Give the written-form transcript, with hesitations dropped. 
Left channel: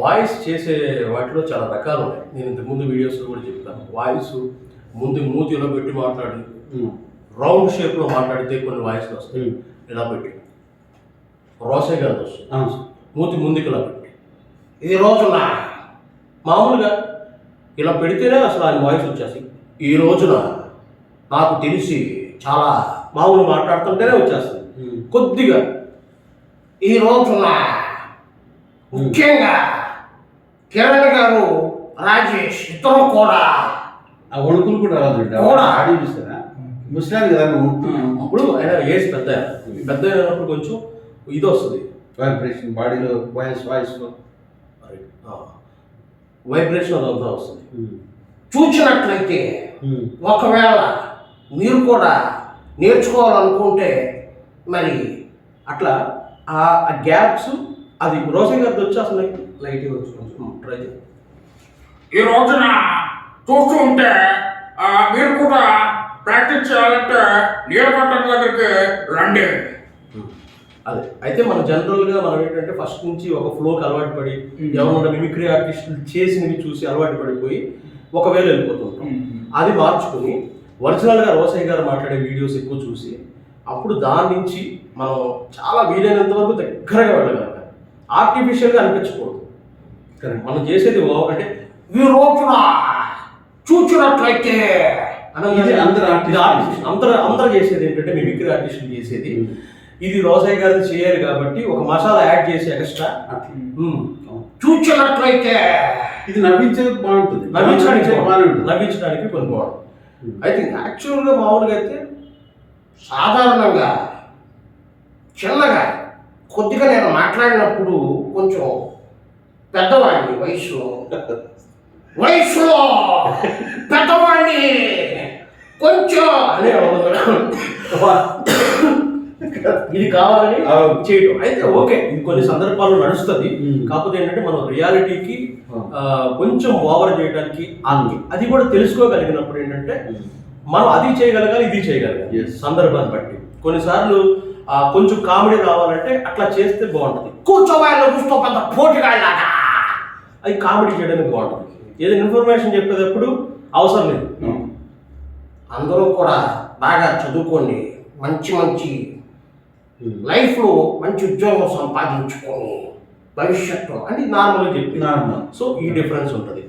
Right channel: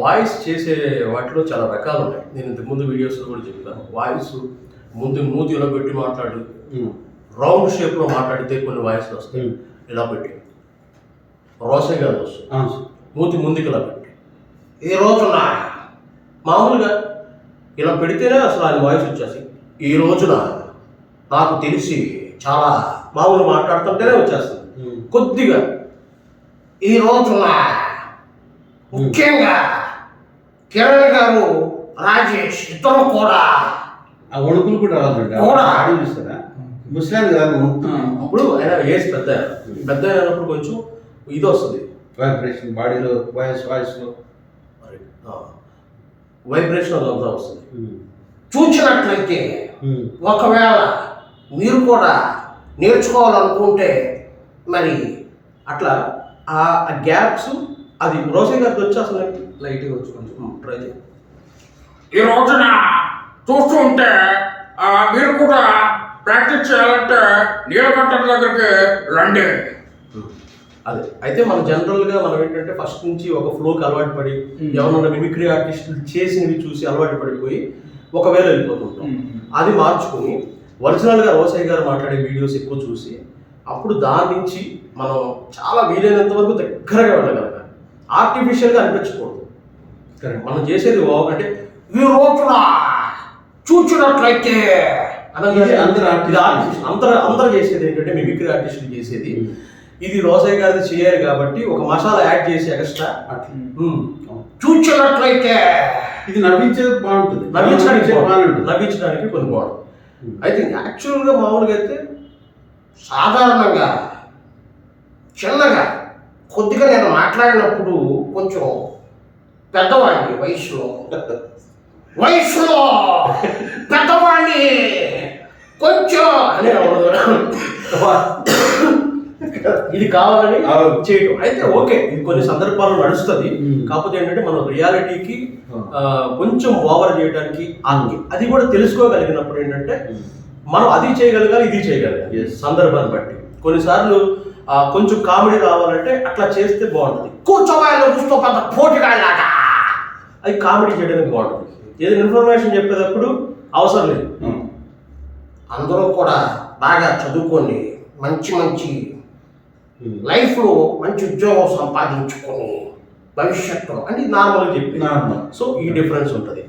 Voice చేసే వాటిలో చాలా రకాలు ఉన్నాయి. నేను ఇంతకుముందు వీడియోస్లో కూడా చెప్పాను. వాయిస్ ముందు మూతిలో పెట్టి మాట్లాడి రౌండ్ షేప్లో మాట్లాడితే కొన్ని వాయిస్లు వస్తాయి. ఇలా పెట్టి రోసగా వస్తుంది. మూతి ముందుకు ఇలా పెట్టి ఈ రోజున మామూలుగా ఇలా పెడితేనే అసలు ఆయన వాయిస్ వచ్చేసి ఈ రోజున నాకు తెలిసి చాలా మామూలు మాట్లాడుతుంటేనే వచ్చేస్తుంది. కొద్దిగా ఈ రోజున ముఖ్యంగా కిరణ్ గారు రాజేష్ ఇద్దరు కూడా ఆ వణుకులు కూడా రాదు చూస్తారా ముస్లాం కదా అప్పుడు ఆయన ఏజ్ పెద్ద అయినప్పుడు కొంచెం ఇది వస్తుంది వైబ్రేషన్ బాడీలో వాయిస్లో వైబ్రేషన్ అదంతా వస్తుంది. చూసినట్లయితే ఒకవేళ మీరు కూడా నేర్చుకోవాలనుకుంటే మరి అట్లా ఆ గ్యాప్స్ అది రోసే గారికి వచ్చి అసలు లైట్గా వచ్చి కొంచెం ట్రై చేయండి. ఈ రోజున చూస్తూ ఉంటే మీరు కూడా ప్రాక్టీస్ చేయాలంటే నీలకంఠ దగ్గరికి రండి. అదే అయితే మనం జనరల్గా మనం ఏంటంటే ఫస్ట్ నుంచి ఒక ఫ్లోకి అలవాటు పడి ఎవరన్నా మిమిక్రీ ఆర్టిస్టులు చేసినవి చూసి అలవాటు పడిపోయి ఒకవేళ వెళ్ళిపోతుంటాం. అది మార్చుకుని ఒరిజినల్గా రోసయ్య గారు మాట్లాడే వీడియోస్ ఎక్కువ చూసి అప్పుడు దాని నుంచి మనం చాలా వీలైనంత వరకు దగ్గరగా వెళ్ళగలగాలి. ఆర్టిఫిషియల్గా అనిపించకూడదు. మనం చేసేది అంటే ఈ రోజున చూసినట్లయితే అందరూ చేసేది ఏంటంటే మిమిక్రీ ఆర్టిస్టులు చేసేది ఇది రోసయ్య గారిది చేయాలి కాబట్టి ఒక మసాలా యాడ్ చేసి ఎక్స్ట్రా చూసినట్లయితే ఇది నవ్వించేది బాగుంటుంది, నవ్వించడానికి కొన్ని బాగుంటుంది. అయితే యాక్చువల్గా మామూలుగా అయితే సాధారణంగా చిన్నగా కొద్దిగా నేను మాట్లాడినప్పుడు కొంచెం పెద్దవాడిని వయసులో పెద్దవాడిని కొంచెం అని ఇది కావాలని చేయటం అయితే ఓకే, ఇది కొన్ని సందర్భాల్లో నడుస్తుంది. కాకపోతే ఏంటంటే మనం రియాలిటీకి కొంచెం ఓవర్ చేయడానికి అది కూడా తెలుసుకోగలిగినప్పుడు ఏంటంటే మనం అది చేయగలగాలి, ఇది చేయగలగాలి సందర్భాన్ని బట్టి. కొన్నిసార్లు కొంచెం కామెడీ రావాలంటే అట్లా చేస్తే బాగుంటుంది. కూర్చోవాళ్ళు కూర్చో పెద్ద పోటీగాళ్ళగా అది కామెడీ చేయడానికి బాగుంటుంది. ఏదైనా ఇన్ఫర్మేషన్ చెప్పేటప్పుడు అవసరం లేదు. అందరూ కూడా బాగా చదువుకోండి, మంచి లైఫ్లో మంచి ఉద్యోగం సంపాదించుకొని భవిష్యత్తులో అంటే నార్మల్గా చెప్పి సో ఈ డిఫరెన్స్ ఉంటుంది.